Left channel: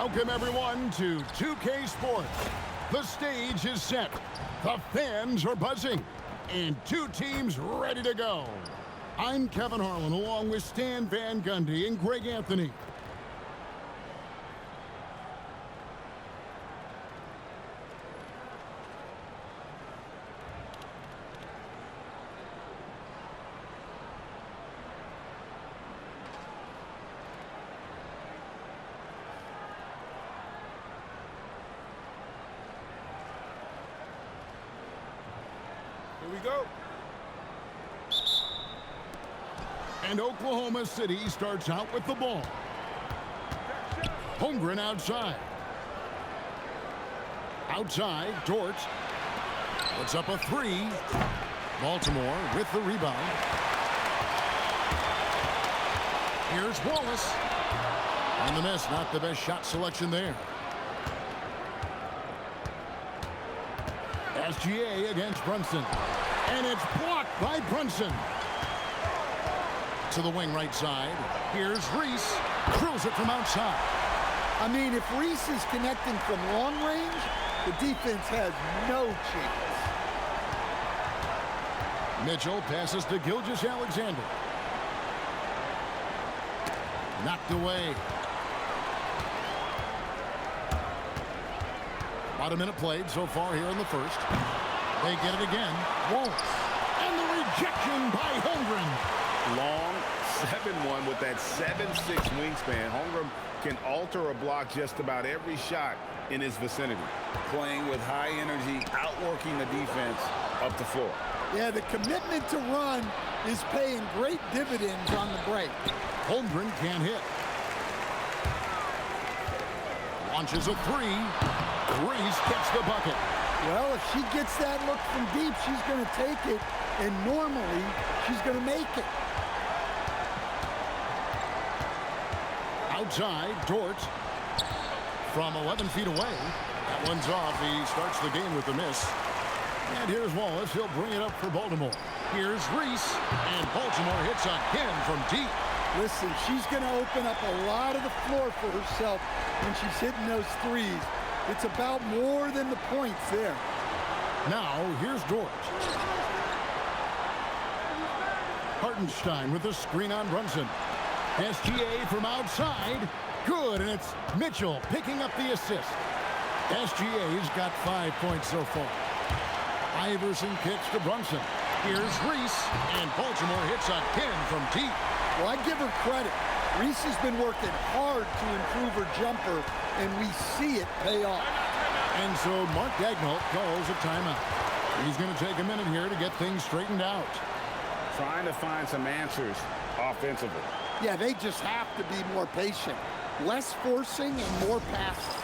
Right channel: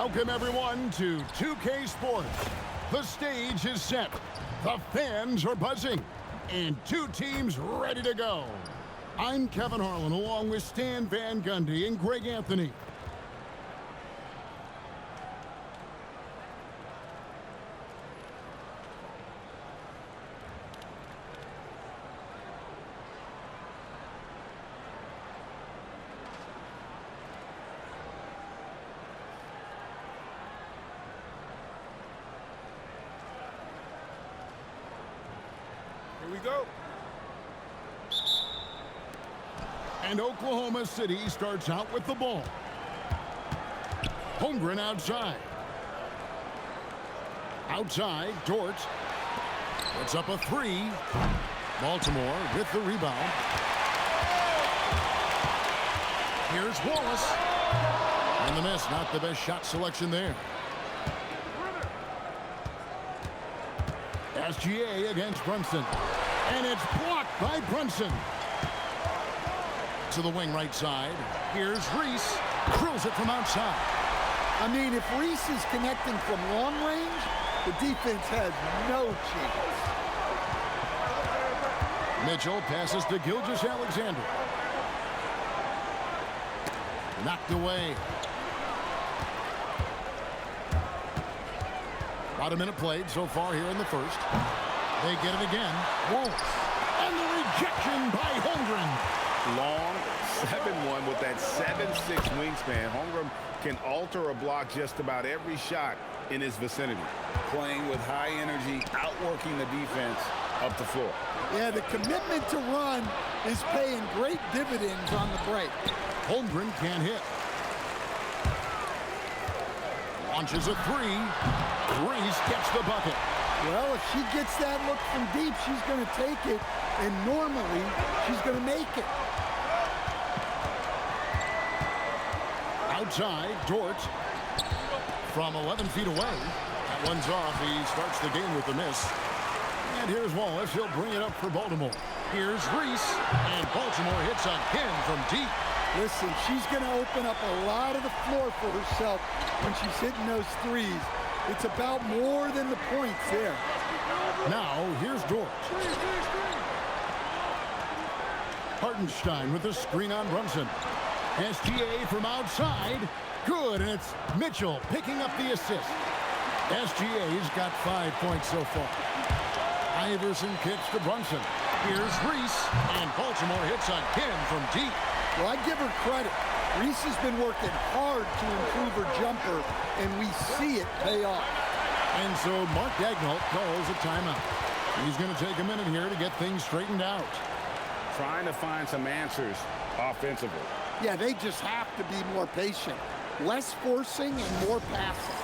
Welcome, everyone, to 2K Sports. The stage is set. The fans are buzzing. And two teams ready to go. I'm Kevin Harlan, along with Stan Van Gundy and Greg Anthony. Here we go. And Oklahoma City starts out with the ball. Holmgren outside. Outside, Dort puts up a three. Baltimore with the rebound. Here's Wallace. And the miss, not the best shot selection there. SGA against Brunson. And it's blocked by Brunson. To the wing right side. Here's Reese. Drills it from outside. I mean, if Reese is connecting from long range, the defense has no chance. Mitchell passes to Gilgeous-Alexander. Knocked away. About a minute played so far here in the first. They get it again. Wallace. And the rejection by Holmgren. Long 7-1 with that 7'6" wingspan. Holmgren can alter a block just about every shot in his vicinity. Playing with high energy, outworking the defense up the floor. Yeah, the commitment to run is paying great dividends on the break. Holmgren can't hit. Launches a three. Reese gets the bucket. Well, if she gets that look from deep, she's going to take it, and normally she's going to make it. Outside, Dort from 11 feet away. That one's off. He starts the game with a miss. And here's Wallace. He'll bring it up for Baltimore. Here's Reese, and Baltimore hits again from deep. Listen, she's going to open up a lot of the floor for herself when she's hitting those threes. It's about more than the points there. Now, here's Dort. Hartenstein with a screen on Brunson. SGA from outside. Good, and it's Mitchell picking up the assist. SGA's got 5 points so far. Iverson kicks to Brunson. Here's Reese, and Baltimore hits again from deep. Well, I give her credit. Reese has been working hard to improve her jumper, and we see it pay off. And so Mark Daigneault calls a timeout. He's going to take a minute here to get things straightened out. Trying to find some answers offensively. Yeah, they just have to be more patient. Less forcing and more passing.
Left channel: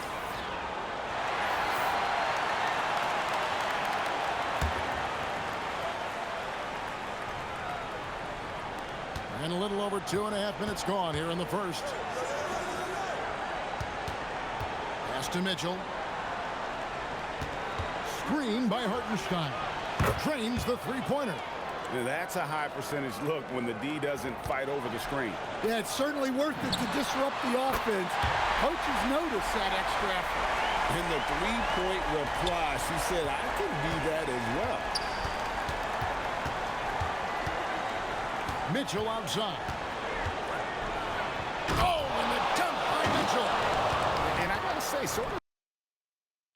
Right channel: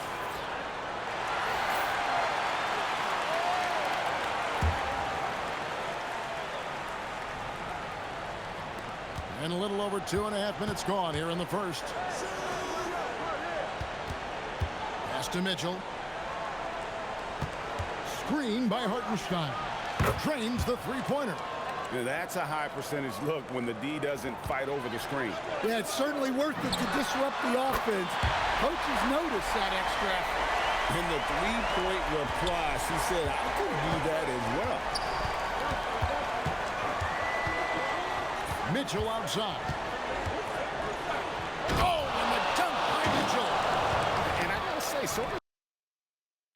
And a little over 2.5 minutes gone here in the first. Pass to Mitchell. Screen by Hartenstein. Drains the three-pointer. Now that's a high percentage look when the D doesn't fight over the screen. Yeah, it's certainly worth it to disrupt the offense. Coaches notice that extra effort. In the three-point reply, she said, I can do that as well. Mitchell outside. Oh, and the dunk by Mitchell. And I gotta say, sort of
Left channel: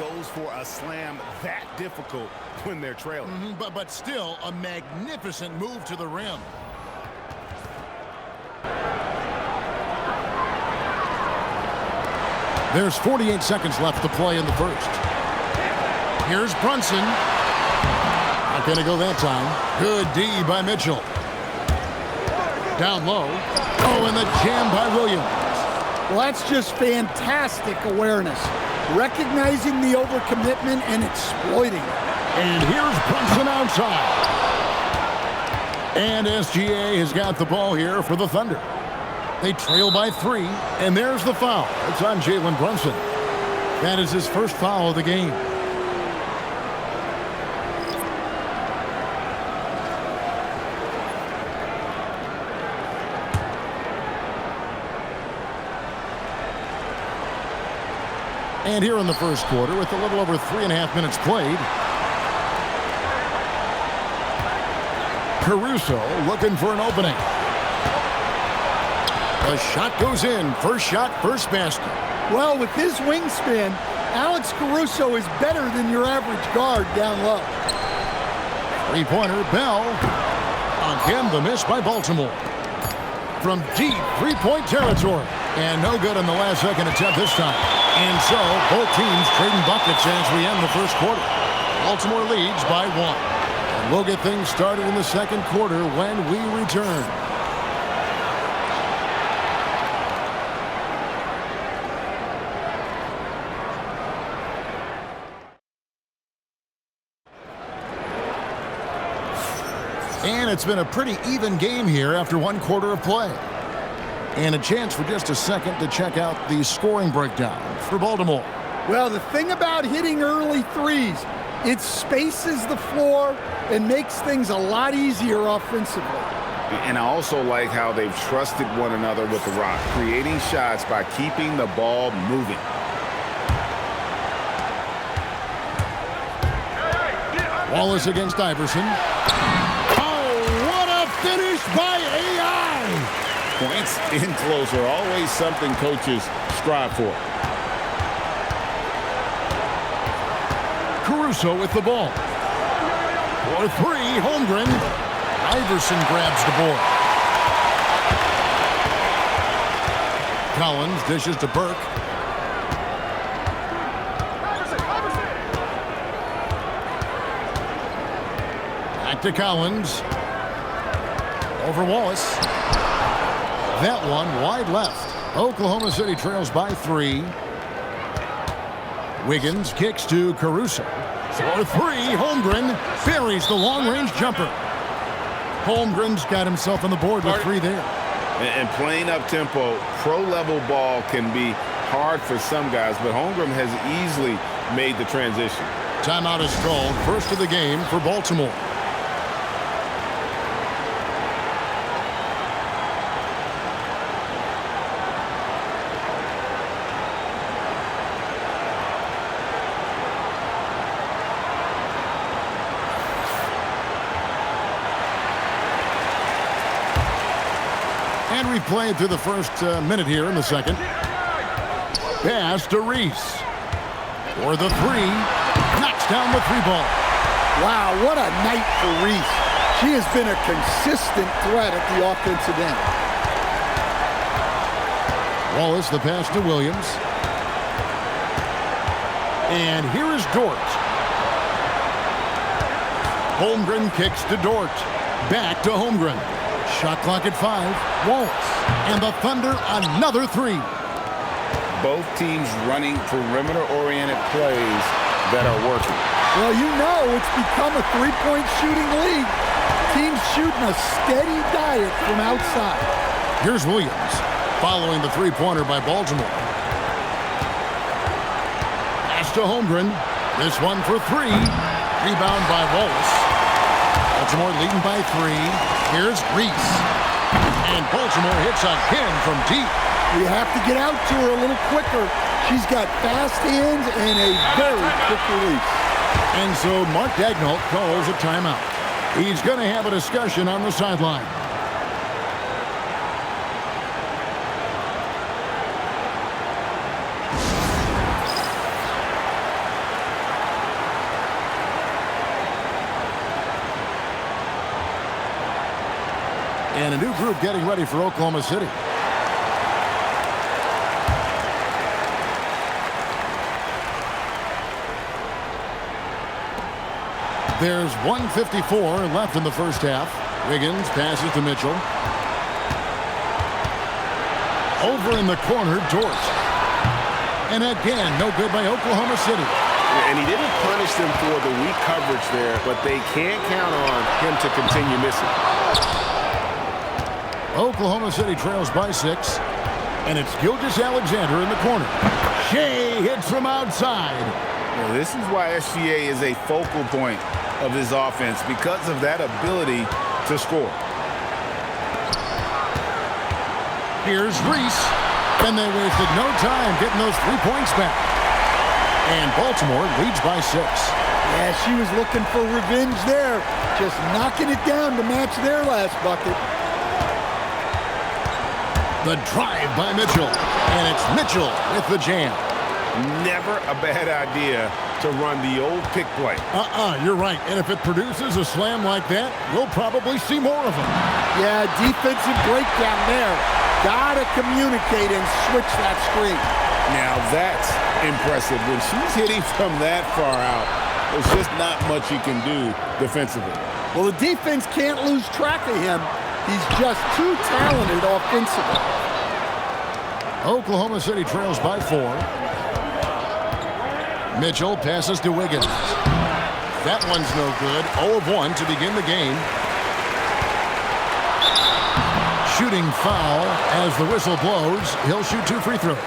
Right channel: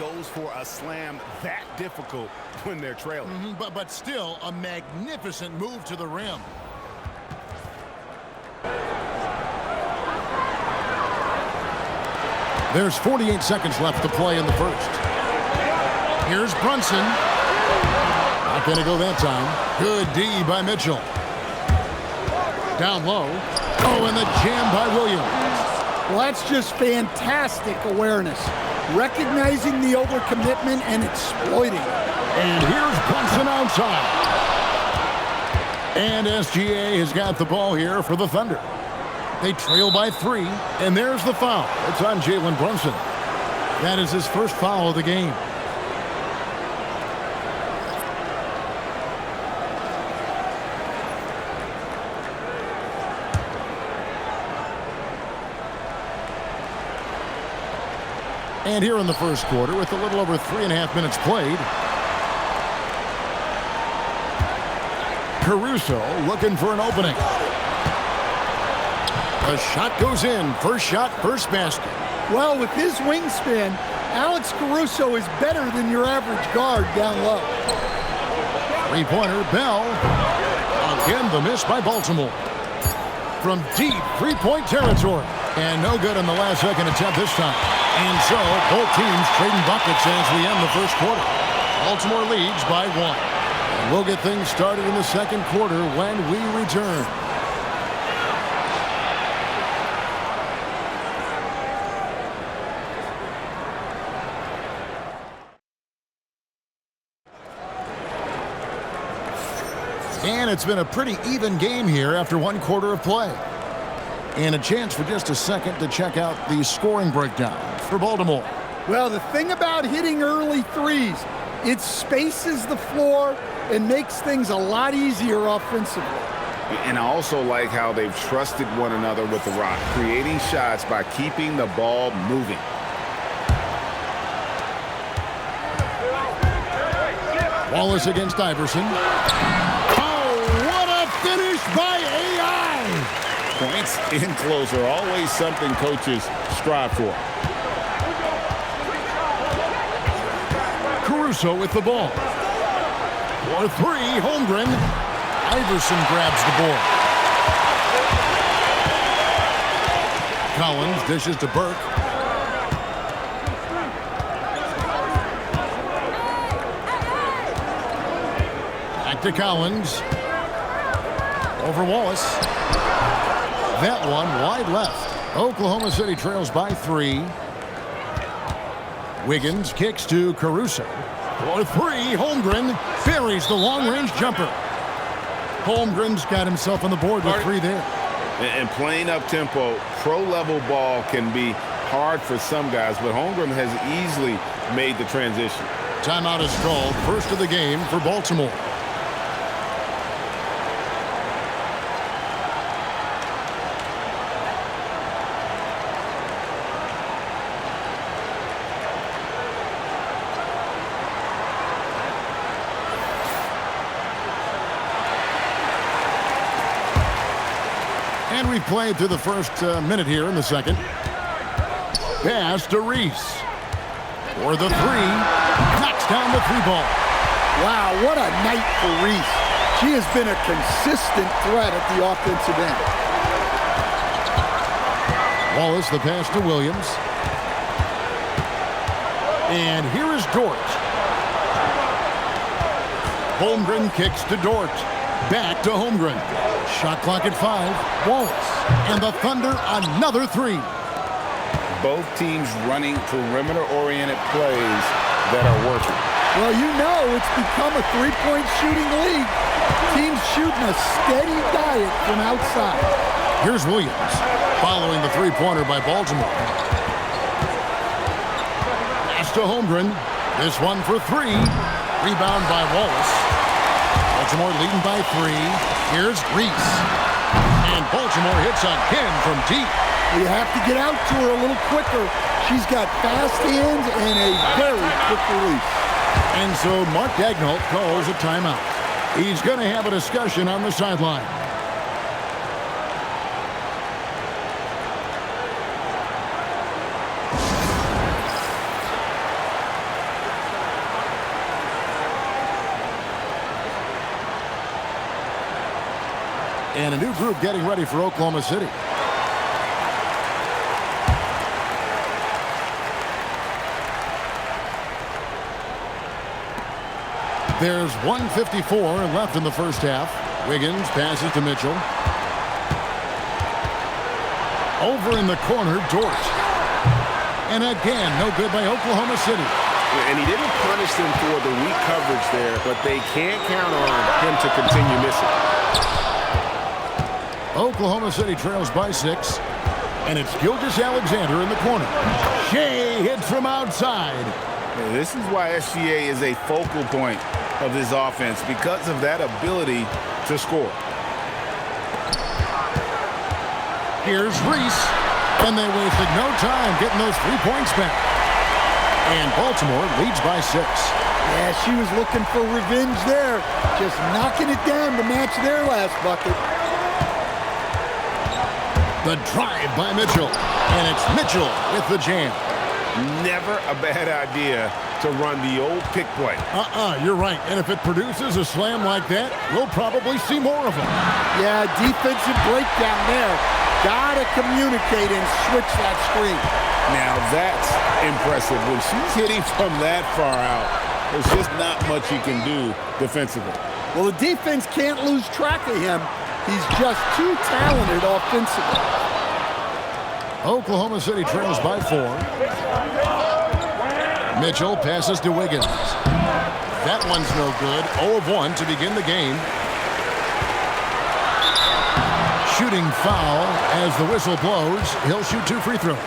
goes for a slam that difficult when they're trailing. But still a magnificent move to the rim. There's 48 seconds left to play in the first. Here's Brunson. Not gonna go that time. Good D by Mitchell. Down low. Oh, and the jam by Williams. Well, that's just fantastic awareness. Recognizing the overcommitment and exploiting it. And here's Brunson outside. And SGA has got the ball here for the Thunder. They trail by 3, and there's the foul. It's on Jalen Brunson. That is his first foul of the game. And here in the first quarter, with a little over 3.5 minutes played, Caruso looking for an opening. The shot goes in. First shot, first basket. Well, with his wingspan, Alex Caruso is better than your average guard down low. Three-pointer, Bell. Again, the miss by Baltimore. From deep three-point territory. And no good on the last-second attempt this time. And so, both teams trading buckets as we end the first quarter. Baltimore leads by 1. And we'll get things started in the second quarter when we return. And it's been a pretty even game here after one quarter of play. And a chance for just a second to check out the scoring breakdown for Baltimore. Well, the thing about hitting early threes, it spaces the floor and makes things a lot easier offensively. And I also like how they've trusted one another with the rock, creating shots by keeping the ball moving. Wallace against Iverson. Finished by AI. Points in close are always something coaches strive for. Caruso with the ball. For three, Holmgren. Iverson grabs the board. Collins dishes to Burke. Back to Collins. Over Wallace. That one wide left. Oklahoma City trails by 3. Wiggins kicks to Caruso. For 3, Holmgren buries the long-range jumper. Holmgren's got himself on the board with 3 there. And playing up-tempo, pro-level ball can be hard for some guys, but Holmgren has easily made the transition. Timeout is called. First of the game for Baltimore. And we've played through the first minute here in the second. Pass to Reese. For the 3. Knocks down the 3 ball. Wow, what a night for Reese. She has been a consistent threat at the offensive end. Wallace, the pass to Williams. And here is Dort. Holmgren kicks to Dort. Back to Holmgren. Shot clock at 5. Wallace. And the Thunder another 3. Both teams running perimeter-oriented plays that are working. Well, you know it's become a three-point shooting league. Teams shooting a steady diet from outside. Here's Williams following the three-pointer by Baltimore. Pass to Holmgren. This one for 3. Rebound by Wallace. Baltimore leading by 3. Here's Reese. And Baltimore hits again from deep. You have to get out to her a little quicker. She's got fast hands and a very quick release. And so Mark Daigneault calls a timeout. He's going to have a discussion on the sideline. And a new group getting ready for Oklahoma City. There's 1:54 left in the first half. Wiggins passes to Mitchell. Over in the corner, Dort. And again, no good by Oklahoma City. And he didn't punish them for the weak coverage there, but they can't count on him to continue missing. Oklahoma City trails by 6. And it's Gilgeous-Alexander in the corner. Shea hits from outside. Well, this is why SGA is a focal point of this offense, because of that ability to score. Here's Reese. And they wasted no time getting those 3 points back. And Baltimore leads by 6. Yeah, she was looking for revenge there. Just knocking it down to match their last bucket. The drive by Mitchell. And it's Mitchell with the jam. Never a bad idea to run the old pick play. You're right. And if it produces a slam like that, we'll probably see more of them. Yeah, defensive breakdown there. Gotta communicate and switch that screen. Now that's impressive. When she's hitting from that far out, there's just not much you can do defensively. Well, the defense can't lose track of him. He's just too talented offensively. Oklahoma City trails by 4. Mitchell passes to Wiggins. That one's no good. 0 of 1 to begin the game. Shooting foul as the whistle blows. He'll shoot 2 free throws.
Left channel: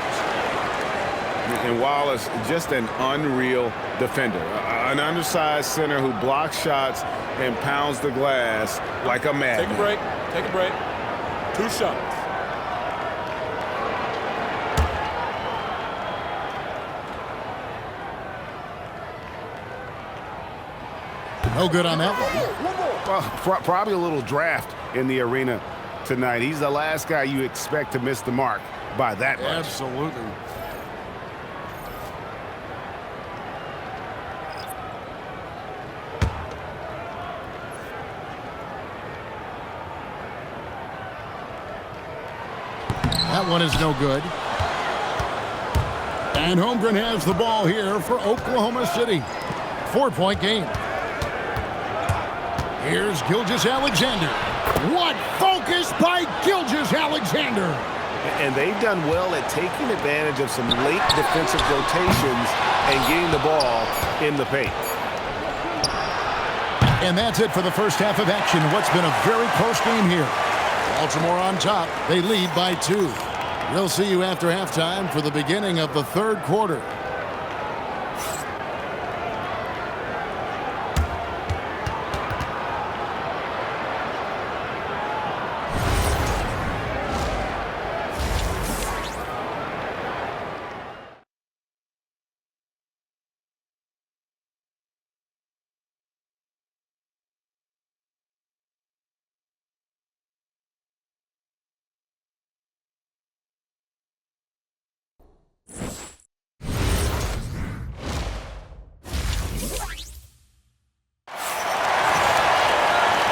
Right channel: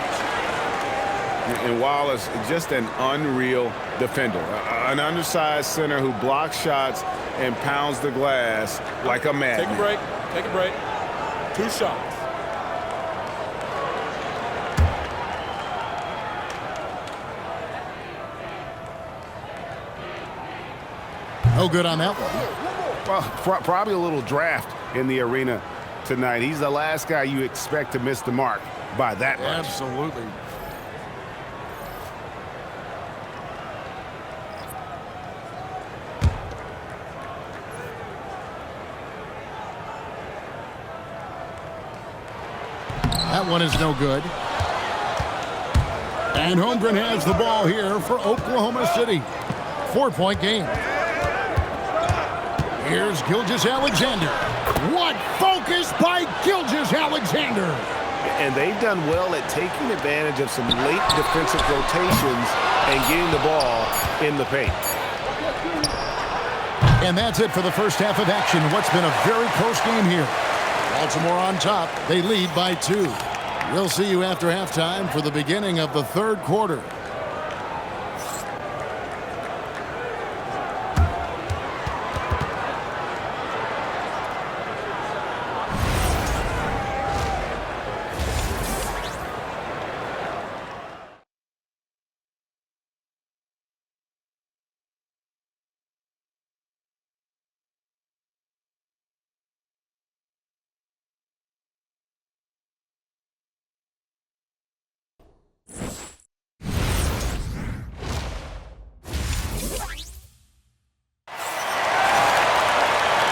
And Wallace, just an unreal defender. An undersized center who blocks shots and pounds the glass like a madman. Take a break. Take a break. 2 shots. No good on that one. Well, probably a little draft in the arena tonight. He's the last guy you expect to miss the mark by that much. Absolutely. That one is no good. And Holmgren has the ball here for Oklahoma City. 4-point game. Here's Gilgeous-Alexander. What focus by Gilgeous-Alexander. And they've done well at taking advantage of some late defensive rotations and getting the ball in the paint. And that's it for the first half of action. What's been a very close game here. Baltimore on top. They lead by 2. We'll see you after halftime for the beginning of the third quarter.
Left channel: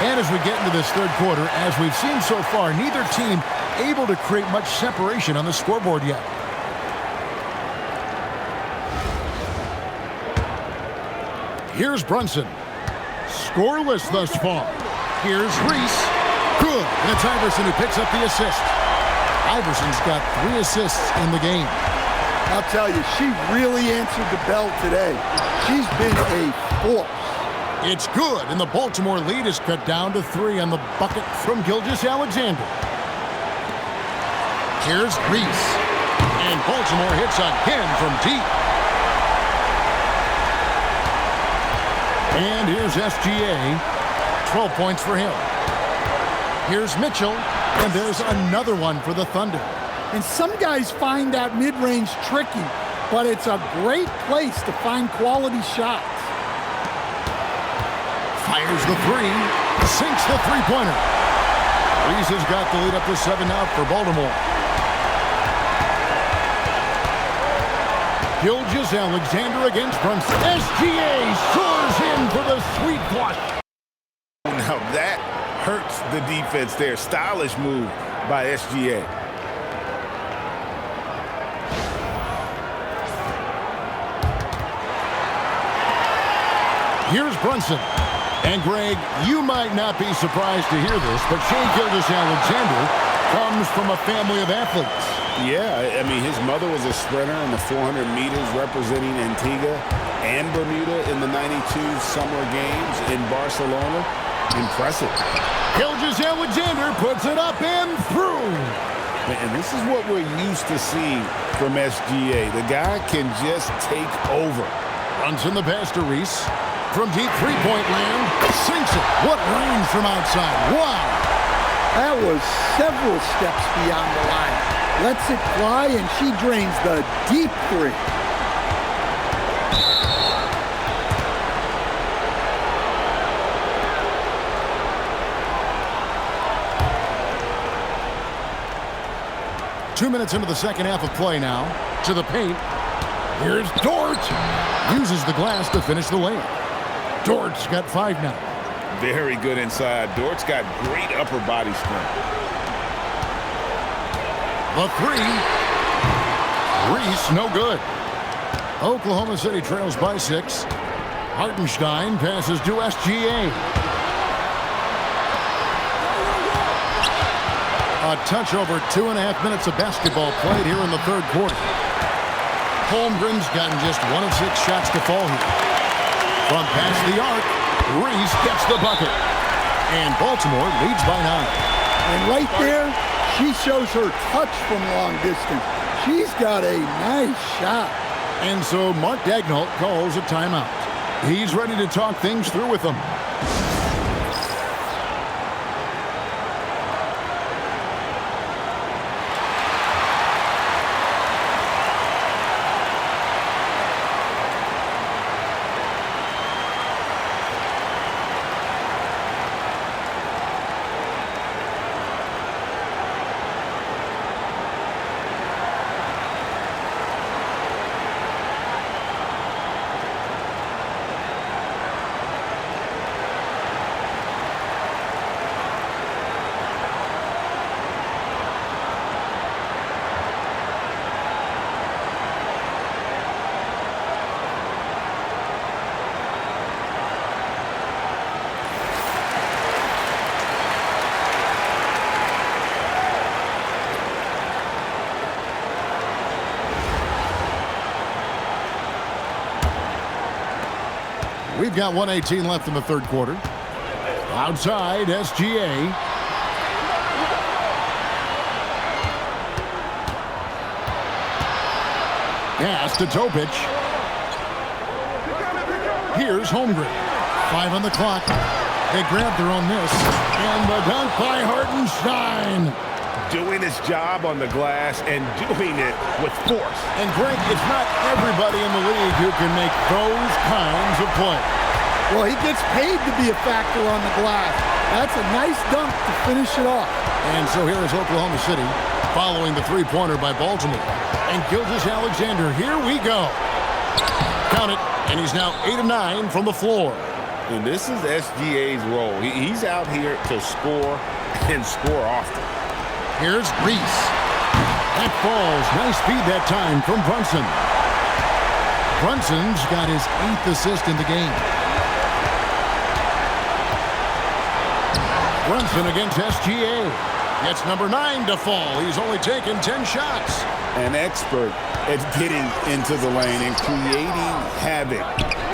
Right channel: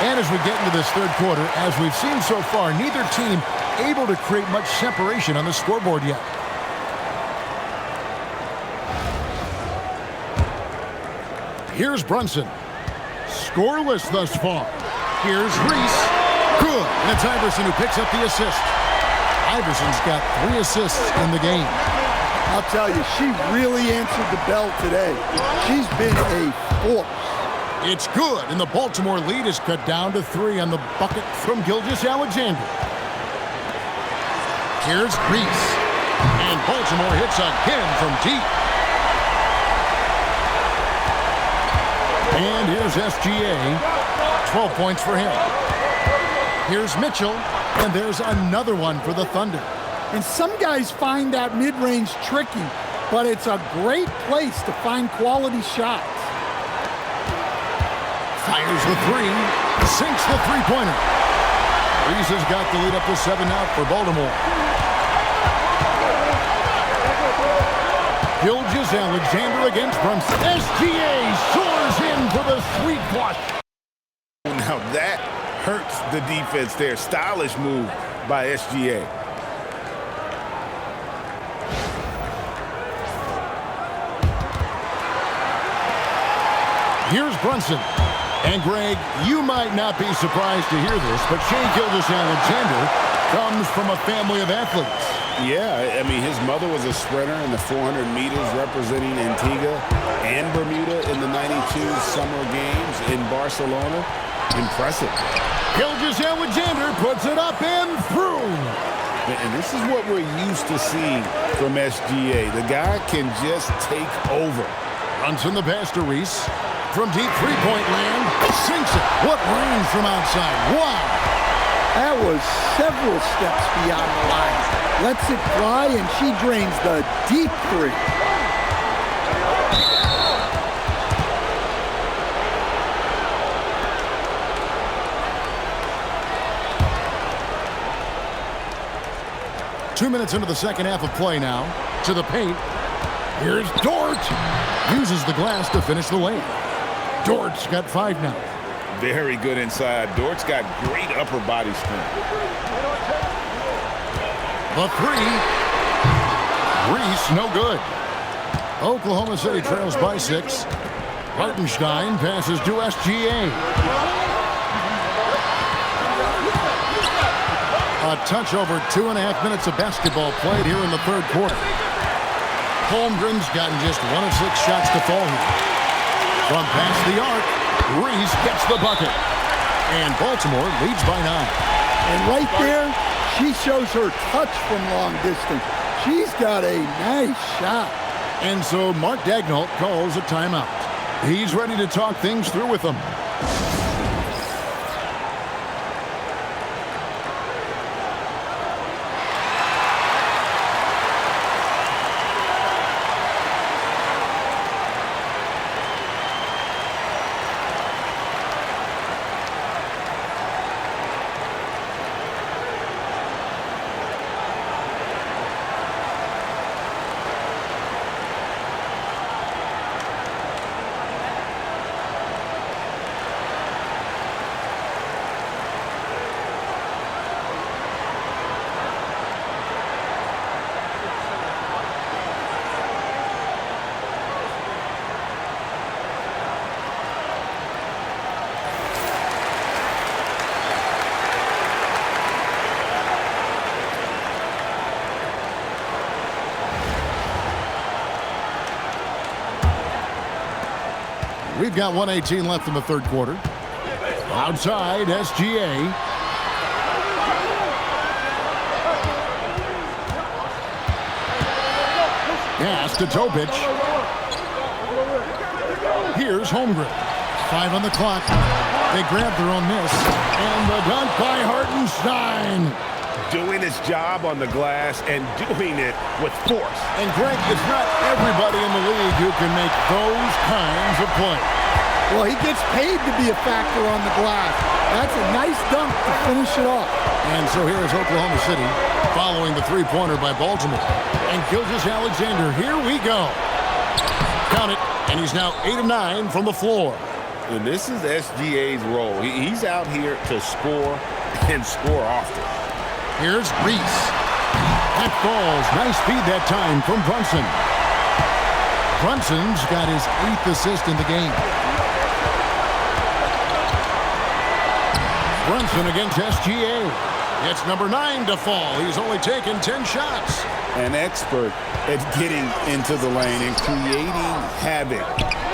And as we get into this third quarter, as we've seen so far, neither team able to create much separation on the scoreboard yet. Here's Brunson. Scoreless thus far. Here's Reese. Good. And it's Iverson who picks up the assist. Iverson's got 3 assists in the game. I'll tell you, she really answered the bell today. She's been a force. It's good, and the Baltimore lead is cut down to 3 on the bucket from Gilgeous-Alexander. Here's Reese. And Baltimore hits again from deep. And here's SGA. 12 points for him. Here's Mitchell, and there's another one for the Thunder. And some guys find that mid-range tricky, but it's a great place to find quality shots. Fires the 3, sinks the three-pointer. Reese has got the lead up to 7 now for Baltimore. Gilgeous-Alexander against Brunson. SGA soars in for the sweet flush. Now that hurts the defense there. Stylish move by SGA. Here's Brunson. And Greg, you might not be surprised to hear this, but Shai Gilgeous-Alexander comes from a family of athletes. Yeah, I mean, his mother was a sprinter in the 400 meters representing Antigua and Bermuda in the '92 Summer Games in Barcelona. Impressive. Gilgeous-Alexander puts it up and through. And this is what we're used to seeing from SGA. The guy can just take over. Brunson the pass to Reese. From deep three-point land, sinks it. What range from outside. Wow. That was several steps beyond the line. Lets it fly, and she drains the deep 3. 2 minutes into the second half of play now. To the paint. Here's Dort. Uses the glass to finish the lane. Dort's got 5 now. Very good inside. Dort's got great upper body strength. The 3. Reese, no good. Oklahoma City trails by 6. Hartenstein passes to SGA. A touch over 2.5 minutes of basketball played here in the third quarter. Holmgren's gotten just 1 of 6 shots to fall here. From past the arc, Reese gets the bucket. And Baltimore leads by 9. And right there, she shows her touch from long distance. She's got a nice shot. And so Mark Daigneault calls a timeout. He's ready to talk things through with them. We've got 1:18 left in the third quarter. Outside, SGA. Pass to Topic. Here's Holmgren. 5 on the clock. They grab their own miss. And the dunk by Hartenstein. Doing his job on the glass and doing it with force. And Greg, it's not everybody in the league who can make those kinds of plays. Well, he gets paid to be a factor on the glass. That's a nice dunk to finish it off. And so here is Oklahoma City following the three-pointer by Baltimore. And Gilgeous-Alexander, here we go. Count it, and he's now 8 of 9 from the floor. And this is SGA's role. He's out here to score and score often. Here's Reese. That falls. Nice feed that time from Brunson. Brunson's got his 8th assist in the game. Brunson against SGA. Gets number 9 to fall. He's only taken 10 shots. An expert at getting into the lane and creating havoc.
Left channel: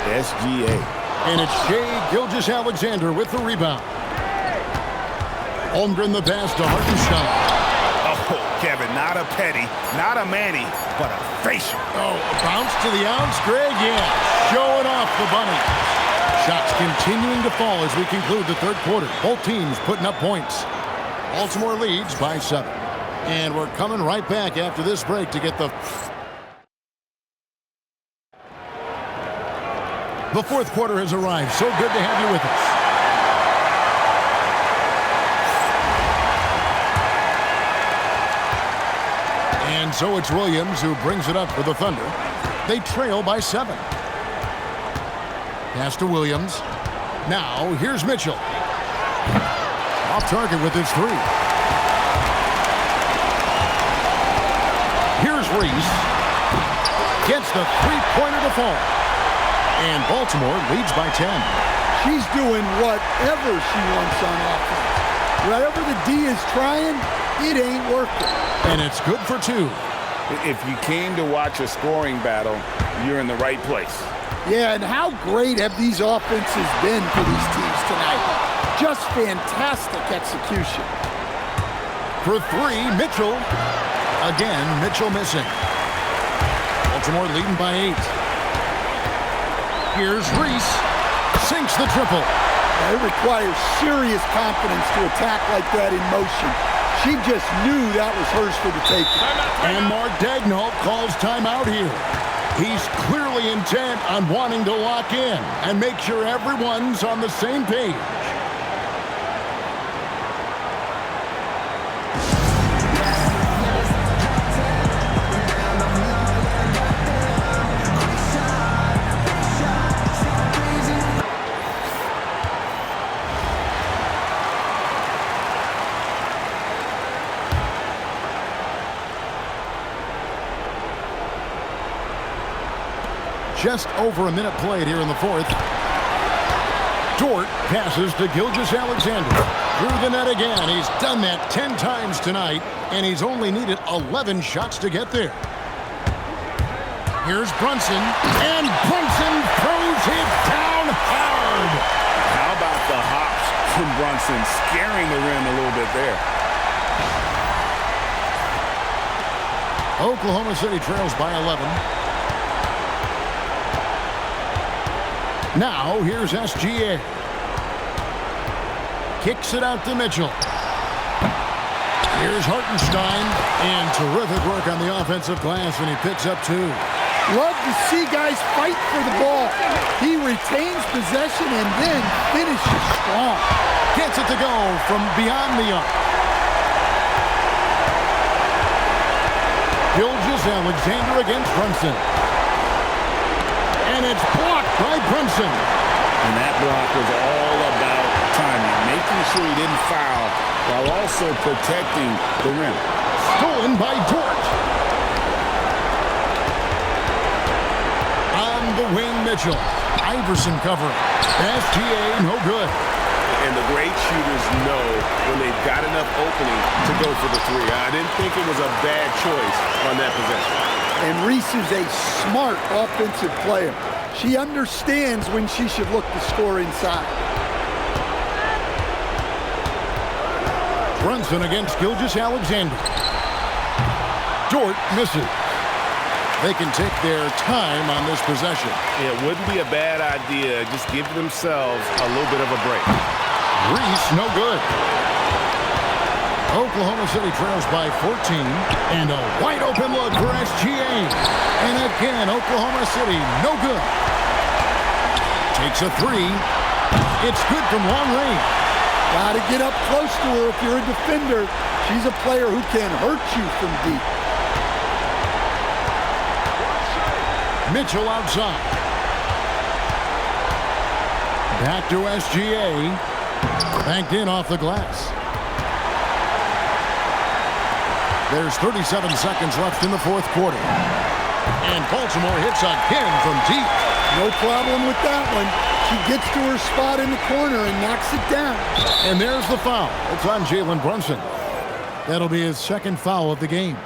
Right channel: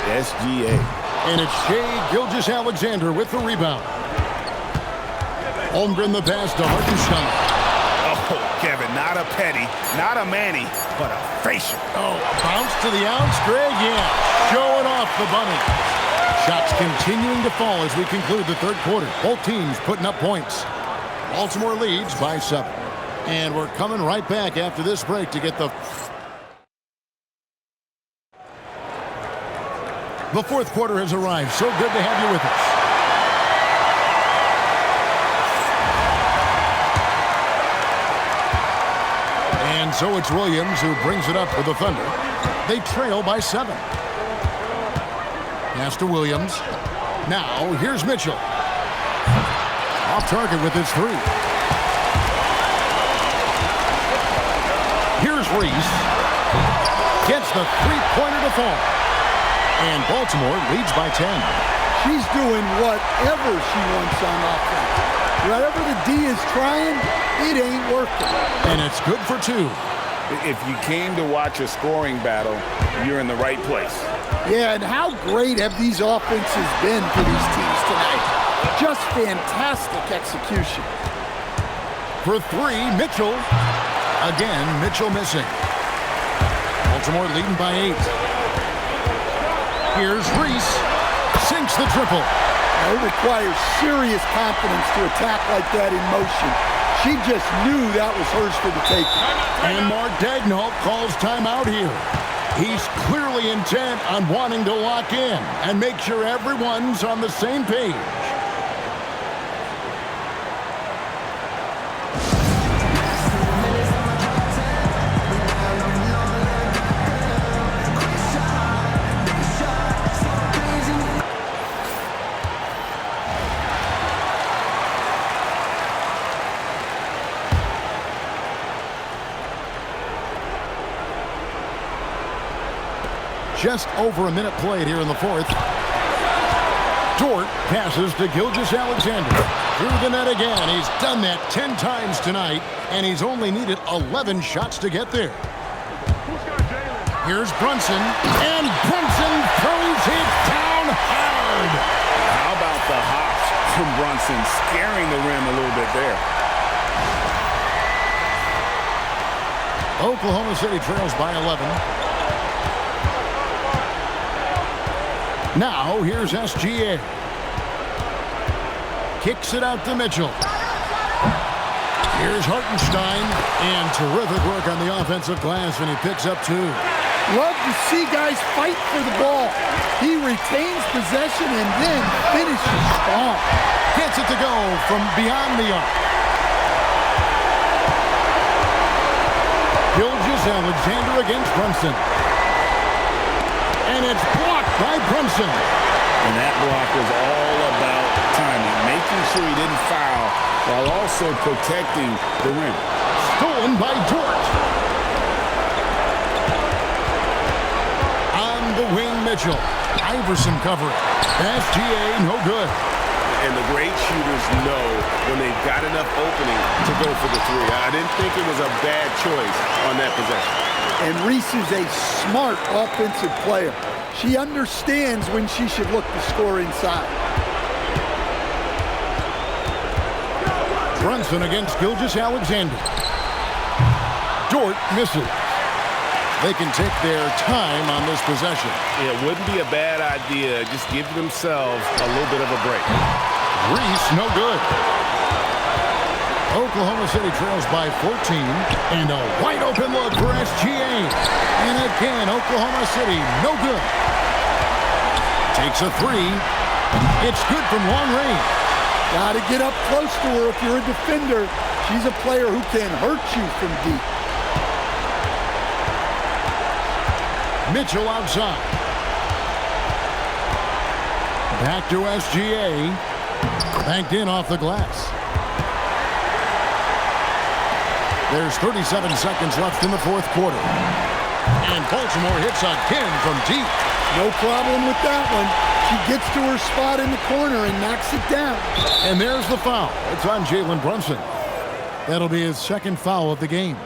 SGA. And it's Shai Gilgeous-Alexander with the rebound. Holmgren the pass to Hartenstein. Oh, Kevin, not a petty, not a Manny, but a facial. Oh, a bounce to the ounce, Greg? Yeah, showing off the bunny. Shots continuing to fall as we conclude the third quarter. Both teams putting up points. Baltimore leads by 7. And we're coming right back after this break to get the fourth quarter has arrived. So good to have you with us. And so it's Williams who brings it up for the Thunder. They trail by 7. Pass to Williams. Now here's Mitchell. Off target with his 3. Here's Reese. Gets the three-pointer to fall. And Baltimore leads by 10. She's doing whatever she wants on offense. Whatever the D is trying, it ain't working. And it's good for 2. If you came to watch a scoring battle, you're in the right place. Yeah, and how great have these offenses been for these teams tonight? Just fantastic execution. For 3, Mitchell. Again, Mitchell missing. Baltimore leading by 8. Here's Reese. Sinks the triple. It requires serious confidence to attack like that in motion. She just knew that was hers for the taking. And Mark Daigneault calls timeout here. He's clearly intent on wanting to lock in and make sure everyone's on the same page. just over a minute played here in the fourth. Dort passes to Gilgeous-Alexander. Through the net again. He's done that 10 times tonight, and he's only needed 11 shots to get there. Here's Brunson, and Brunson throws it down hard. How about the hops from Brunson, scaring the rim a little bit there. Oklahoma City trails by 11. Now here's SGA. Kicks it out to Mitchell. Here's Hartenstein, and terrific work on the offensive glass, and he picks up 2. Love to see guys fight for the ball. He retains possession and then finishes strong. Gets it to go from beyond the arc. Gilgeous-Alexander against Brunson. And it's blocked by Brunson. And that block was all about timing, making sure he didn't foul while also protecting the rim. Stolen by Dort. On the wing, Mitchell. Iverson covering. SGA, no good. And the great shooters know when they've got enough opening to go for the 3. I didn't think it was a bad choice on that possession. And Reese is a smart offensive player. She understands when she should look to score inside. Brunson against Gilgeous-Alexander. Dort misses. They can take their time on this possession. It wouldn't be a bad idea. Just give themselves a little bit of a break. Reese, no good. Oklahoma City trails by 14. And a wide open look for SGA. And again, Oklahoma City, no good. Takes a 3. It's good from long range. Got to get up close to her if you're a defender. She's a player who can hurt you from deep. Mitchell outside. Back to SGA. Banked in off the glass. There's 37 seconds left in the fourth quarter. And Baltimore hits again from deep. No problem with that one. She gets to her spot in the corner and knocks it down. And there's the foul. It's on Jalen Brunson. That'll be his second foul of the game.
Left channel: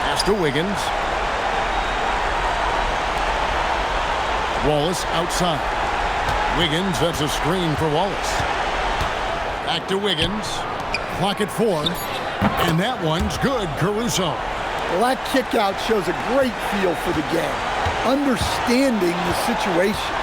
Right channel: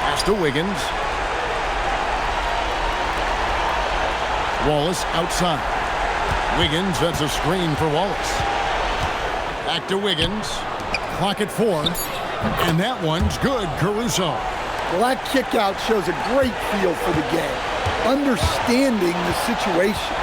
Pass to Wiggins. Wallace outside. Wiggins, that's a screen for Wallace. Back to Wiggins. Clock at 4. And that one's good, Caruso. Well, that kick out shows a great feel for the game, understanding the situation.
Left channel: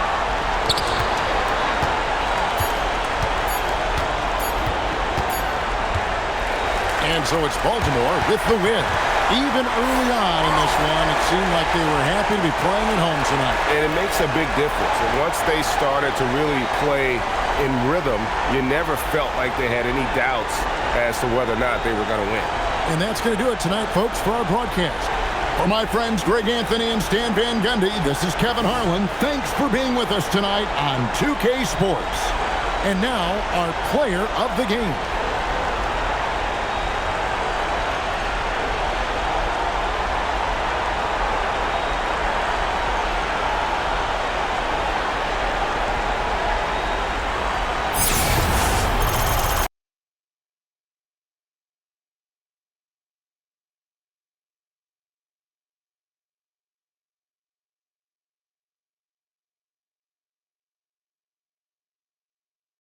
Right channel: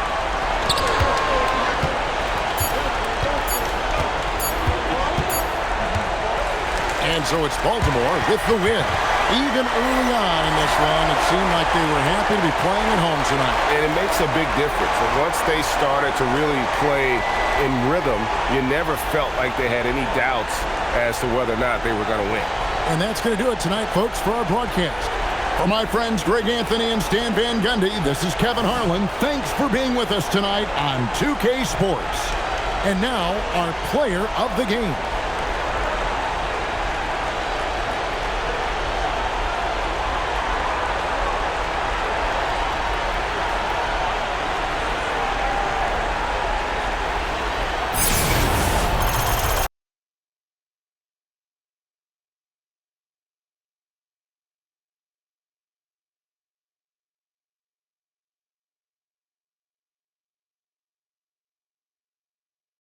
And so it's Baltimore with the win. Even early on in this one, it seemed like they were happy to be playing at home tonight. And it makes a big difference. And once they started to really play in rhythm, you never felt like they had any doubts as to whether or not they were going to win. And that's going to do it tonight, folks, for our broadcast. For my friends Greg Anthony and Stan Van Gundy, this is Kevin Harlan. Thanks for being with us tonight on 2K Sports. And now, our player of the game.